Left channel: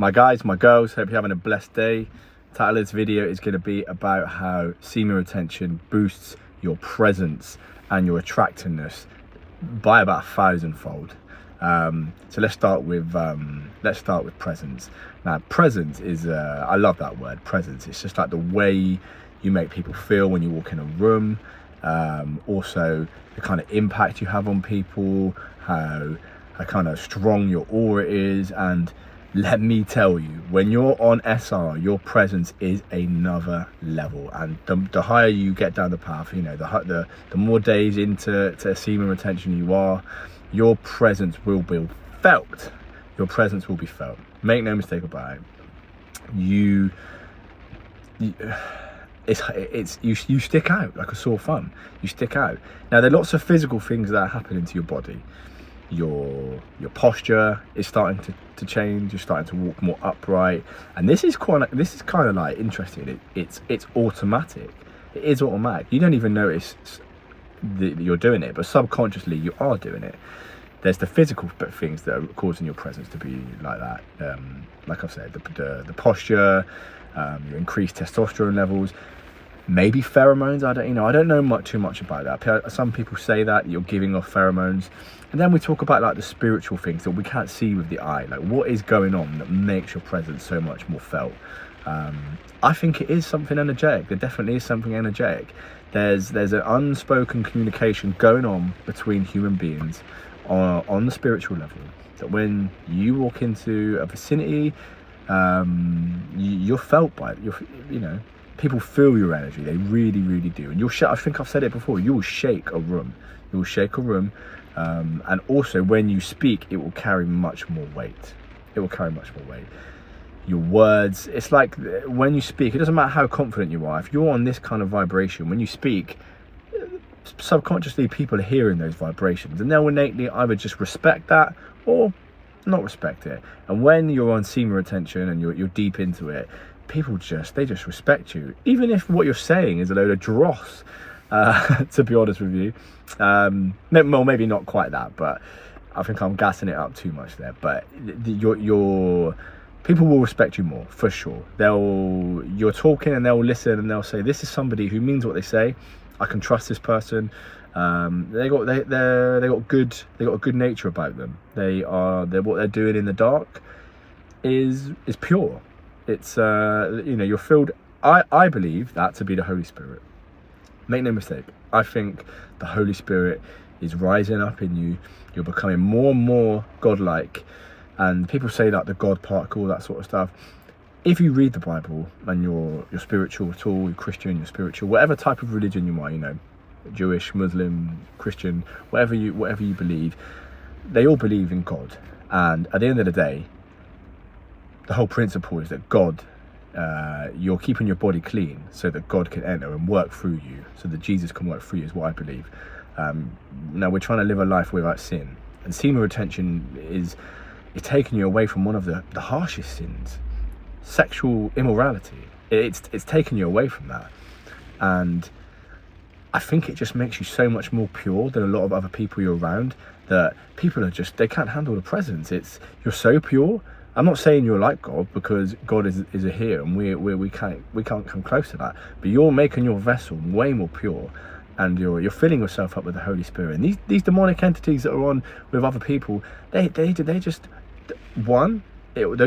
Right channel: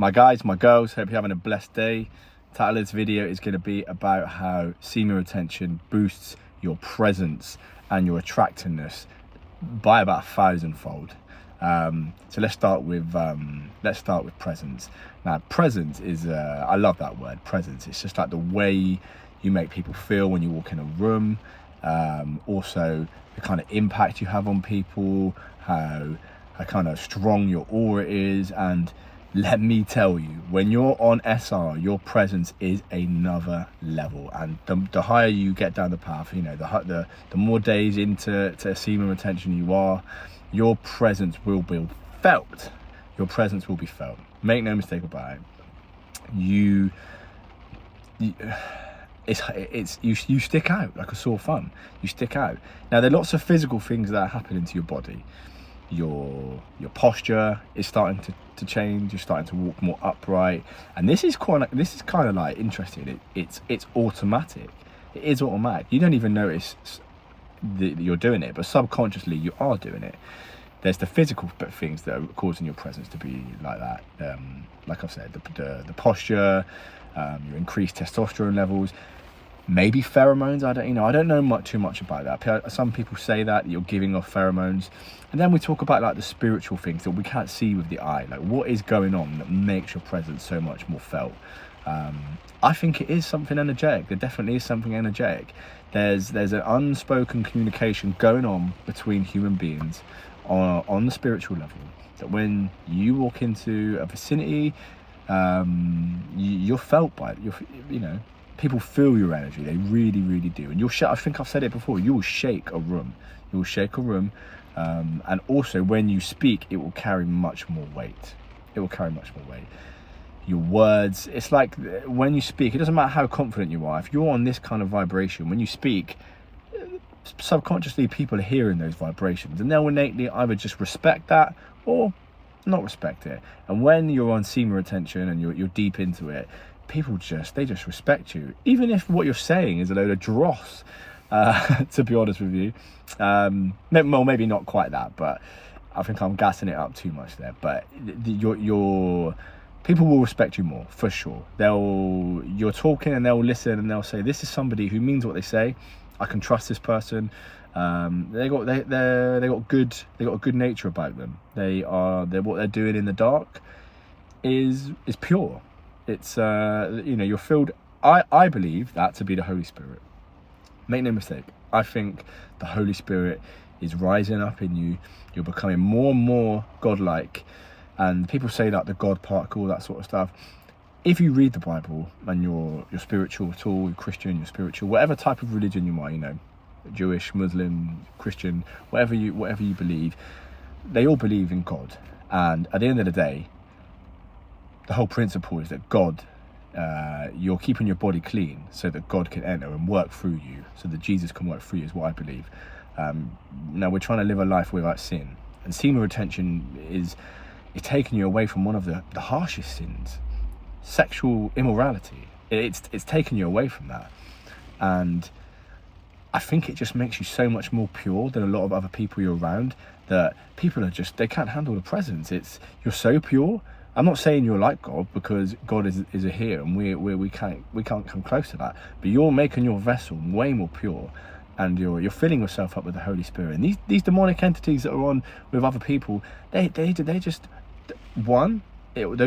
My guys, my girls, hope you're having a blessed day. The title of this video is going to be about how semen retention boosts your presence and your attractiveness by about 1,000-fold. So let's start with presence. Now, presence is I love that word, presence. It's just like the way you make people feel when you walk in a room. Also, the kind of impact you have on people, how kind of strong your aura is, and let me tell you, when you're on SR, your presence is another level. And the higher you get down the path, you know, the more days into semen retention you are, your presence will be felt. Your presence will be felt. Make no mistake about it. You stick out like a sore thumb. You stick out. Now, there are lots of physical things that are happening to your body. Your posture is starting to change. You're starting to walk more upright, and this is kind of like interesting. It's automatic. It is automatic. You don't even notice that you're doing it, but subconsciously you are doing it. There's the physical things that are causing your presence to be like that. Like I've said, the posture, your increased testosterone levels. Maybe pheromones. I don't know too much about that. Some people say that you're giving off pheromones, and then we talk about like the spiritual things that we can't see with the eye. Like, what is going on that makes your presence so much more felt? I think it is something energetic. There definitely is something energetic. There's an unspoken communication going on between human beings on the spiritual level. That when you walk into a vicinity, you're felt by it. You know. People feel your energy. They really, really do. And I think I've said it before, you will shake a room. You will shake a room. And also, when you speak, it will carry much more weight. It will carry much more weight. Your words, it's like when you speak, it doesn't matter how confident you are. If you're on this kind of vibration, when you speak, subconsciously people are hearing those vibrations. And they'll innately either just respect that or not respect it. And when you're on semen retention and you're deep into it, people just respect you, even if what you're saying is a load of dross, to be honest with you. Well, maybe not quite that, but I think I'm gassing it up too much there. But your people will respect you more, for sure. You're talking and they'll listen and they'll say, this is somebody who means what they say. I can trust this person. They got a good nature about them. What they're doing in the dark is pure. It's you're filled. I believe that to be the Holy Spirit. Make no mistake, I think the Holy Spirit is rising up in you. You're becoming more and more godlike. And people say that the God particle, that sort of stuff. If you read the Bible and you're spiritual at all, you're Christian, you're spiritual, whatever type of religion you are, you know, Jewish, Muslim, Christian, whatever you believe, they all believe in God. And at the end of the day, the whole principle is that God, you're keeping your body clean so that God can enter and work through you, so that Jesus can work through you, is what I believe. Now, we're trying to live a life without sin, and semen retention is taking you away from one of the harshest sins, sexual immorality. It's taking you away from that, and I think it just makes you so much more pure than a lot of other people you're around. That people they can't handle the presence. You're so pure. I'm not saying you're like God, because God is here and we can't come close to that. But you're making your vessel way more pure, and you're filling yourself up with the Holy Spirit. And these demonic entities that are on with other people, those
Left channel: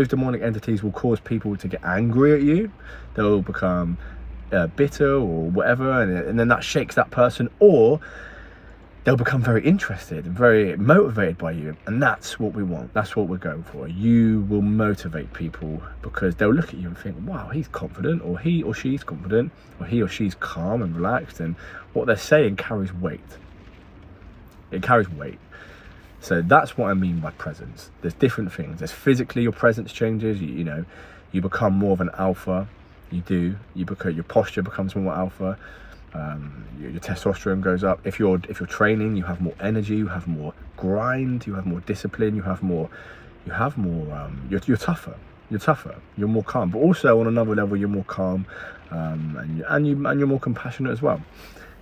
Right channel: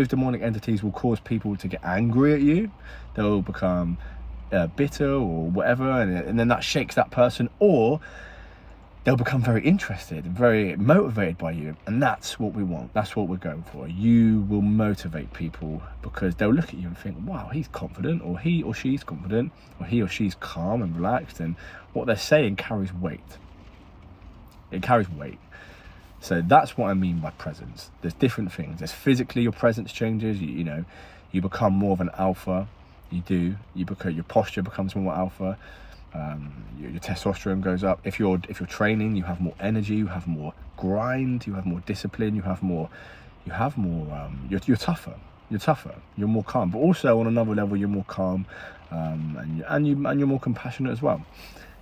demonic entities will cause people to get angry at you. They'll become bitter or whatever, and then that shakes that person, or they'll become very interested and very motivated by you. And that's what we want. That's what we're going for. You will motivate people because they'll look at you and think, wow, he's confident, or he or she's confident, or he or she's calm and relaxed. And what they're saying carries weight. It carries weight. So that's what I mean by presence. There's different things. There's physically, your presence changes. You become more of an alpha. Your posture becomes more alpha. Your testosterone goes up. If you're training, you have more energy, you have more grind, you have more discipline, you're tougher, you're more calm. But also on another level, you're more calm, and you're more compassionate as well.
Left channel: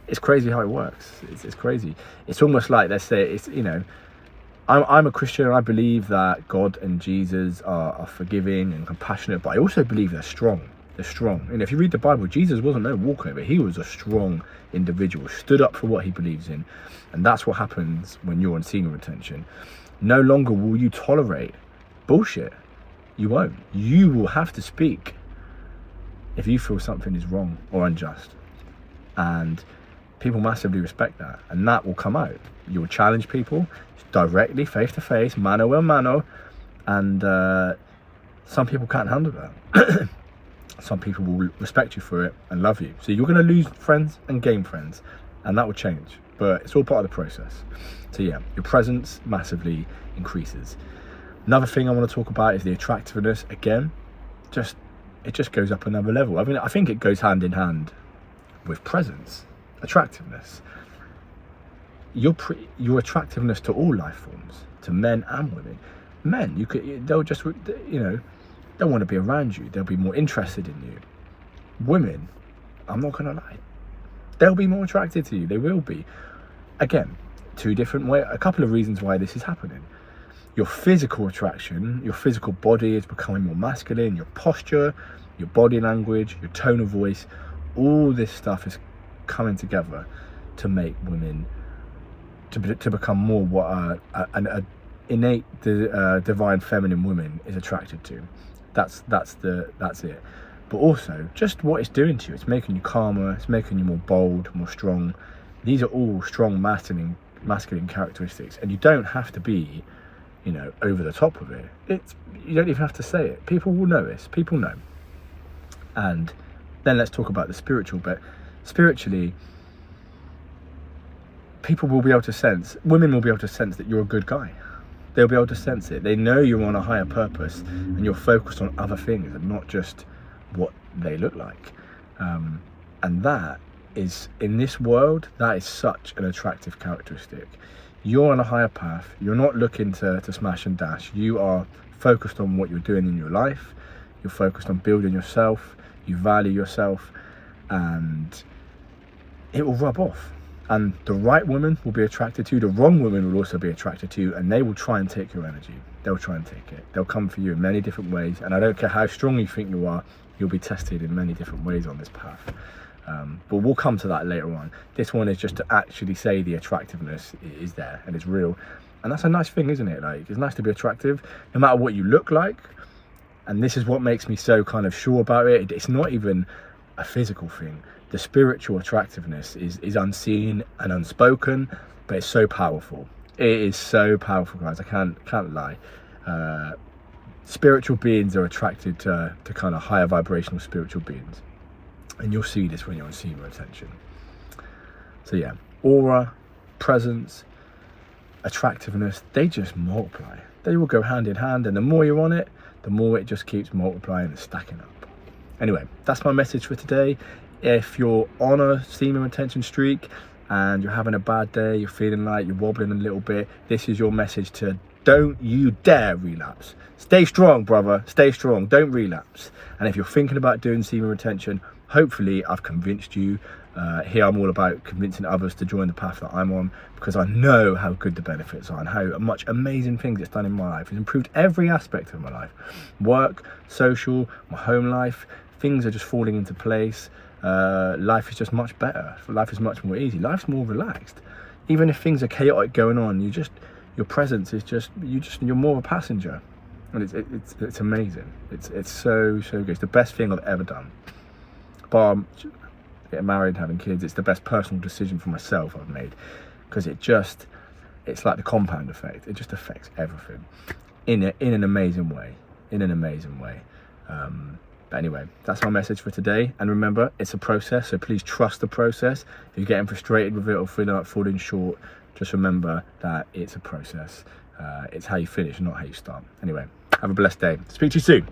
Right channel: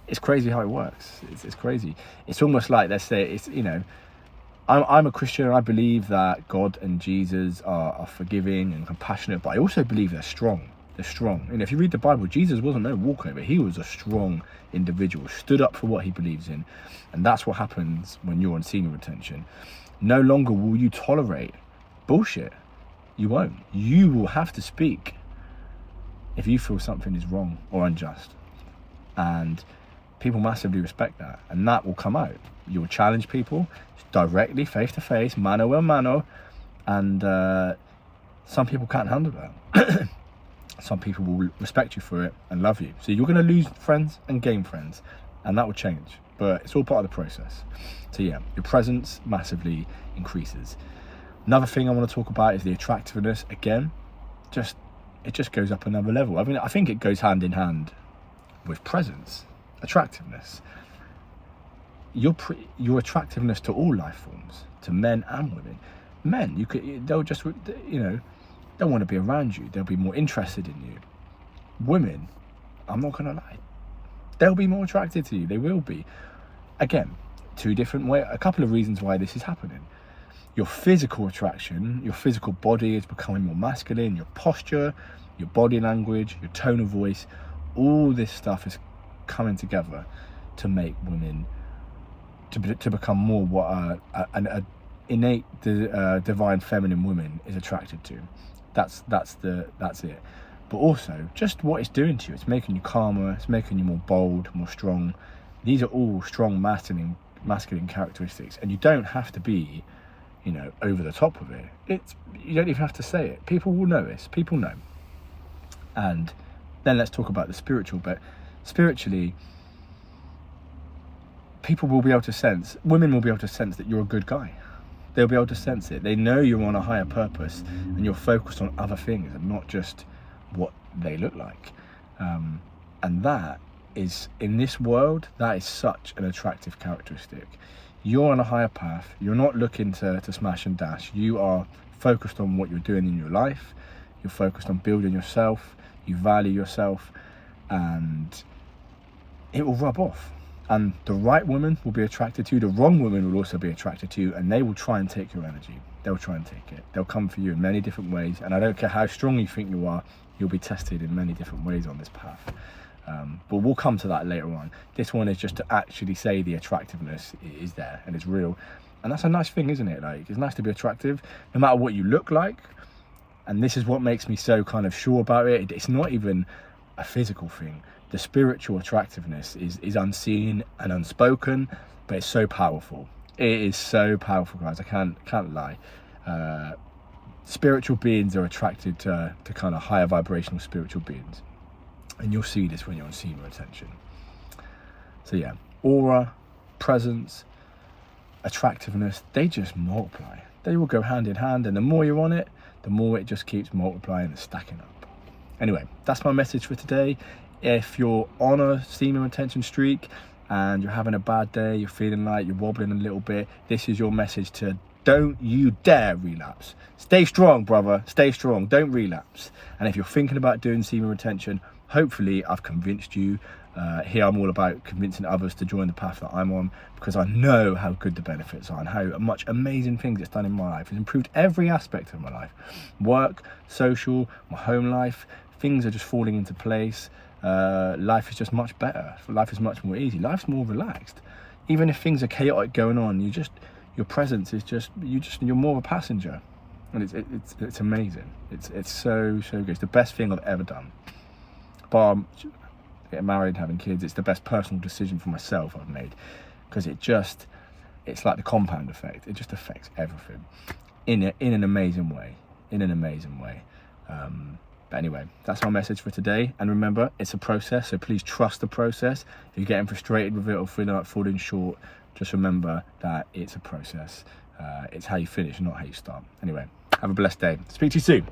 It's crazy how it works. It's crazy. It's almost like, let's say, I'm a Christian, and I believe that God and Jesus are forgiving and compassionate, but I also believe they're strong. They're strong. And if you read the Bible, Jesus wasn't no walkover. He was a strong individual, stood up for what he believes in. And that's what happens when you're on semen retention. No longer will you tolerate bullshit. You won't. You will have to speak if you feel something is wrong or unjust. And people massively respect that. And that will come out. You'll challenge people directly, face to face, mano a mano. And some people can't handle that. Some people will respect you for it and love you. So you're going to lose friends and gain friends. And that will change. But it's all part of the process. So yeah, your presence massively increases. Another thing I want to talk about is the attractiveness. Again, it just goes up another level. I mean, I think it goes hand in hand with presence, attractiveness. Your attractiveness to all life forms, to men and women. Men, they'll just, they'll want to be around you. They'll be more interested in you. Women, I'm not gonna lie, they'll be more attracted to you. They will be. Again, a couple of reasons why this is happening. Your physical attraction, your physical body is becoming more masculine, your posture, your body language, your tone of voice, all this stuff is coming together to make women to become more what an innate divine feminine woman is attracted to. That's it. But also just what it's doing to you. It's making you calmer, it's making you more bold, more strong. These are all strong masculine characteristics, and you don't have to be over the top of it. You don't even have to say it. People will notice. People know. And then let's talk about the spiritual bit. Spiritually, women will be able to sense that you're a good guy. They'll be able to sense it. They know you're on a higher purpose and you're focused on other things and not just what they look like. And that is, in this world, that is such an attractive characteristic. You're on a higher path. You're not looking to smash and dash. You are focused on what you're doing in your life. You're focused on building yourself. You value yourself, and it will rub off. And the right woman will be attracted to you. The wrong woman will also be attracted to you, and they will try and take your energy. They'll try and take it. They'll come for you in many different ways. And I don't care how strong you think you are, you'll be tested in many different ways on this path. But we'll come to that later on. This one is just to actually say the attractiveness is there and it's real. And that's a nice thing, isn't it? Like, it's nice to be attractive, no matter what you look like. And this is what makes me so kind of sure about it. It's not even a physical thing. The spiritual attractiveness is unseen and unspoken, but it's so powerful. It is so powerful, guys. I can't lie. Spiritual beings are attracted to kind of higher vibrational spiritual beings. And you'll see this when you're on semen retention. So yeah, aura, presence, attractiveness, they just multiply. They will go hand in hand, and the more you're on it, the more it just keeps multiplying and stacking up. Anyway, that's my message for today. If you're on a semen retention streak and you're having a bad day, you're feeling like you're wobbling a little bit, this is your message to don't you dare relapse. Stay strong, brother. Stay strong. Don't relapse. And if you're thinking about doing semen retention, hopefully I've convinced you. Here I'm all about convincing others to join the path that I'm on, because I know how good the benefits are and how much amazing things it's done in my life. It's improved every aspect of my life. Work, social, my home life. Things are just falling into place. Life is just much better. Life is much more easy. Life's more relaxed. Even if things are chaotic going on, your presence is you're more of a passenger. And it's amazing. It's so good. It's the best thing I've ever done. Bar getting married, having kids, it's the best personal decision for myself I've made, because it's like the compound effect. It just affects everything in an amazing way. But anyway, that's my message for today. And remember, it's a process, so please trust the process. If you're getting frustrated with it or feeling like falling short, just remember that it's a process. It's how you finish, not how you start. Anyway, have a blessed day. Speak to you soon.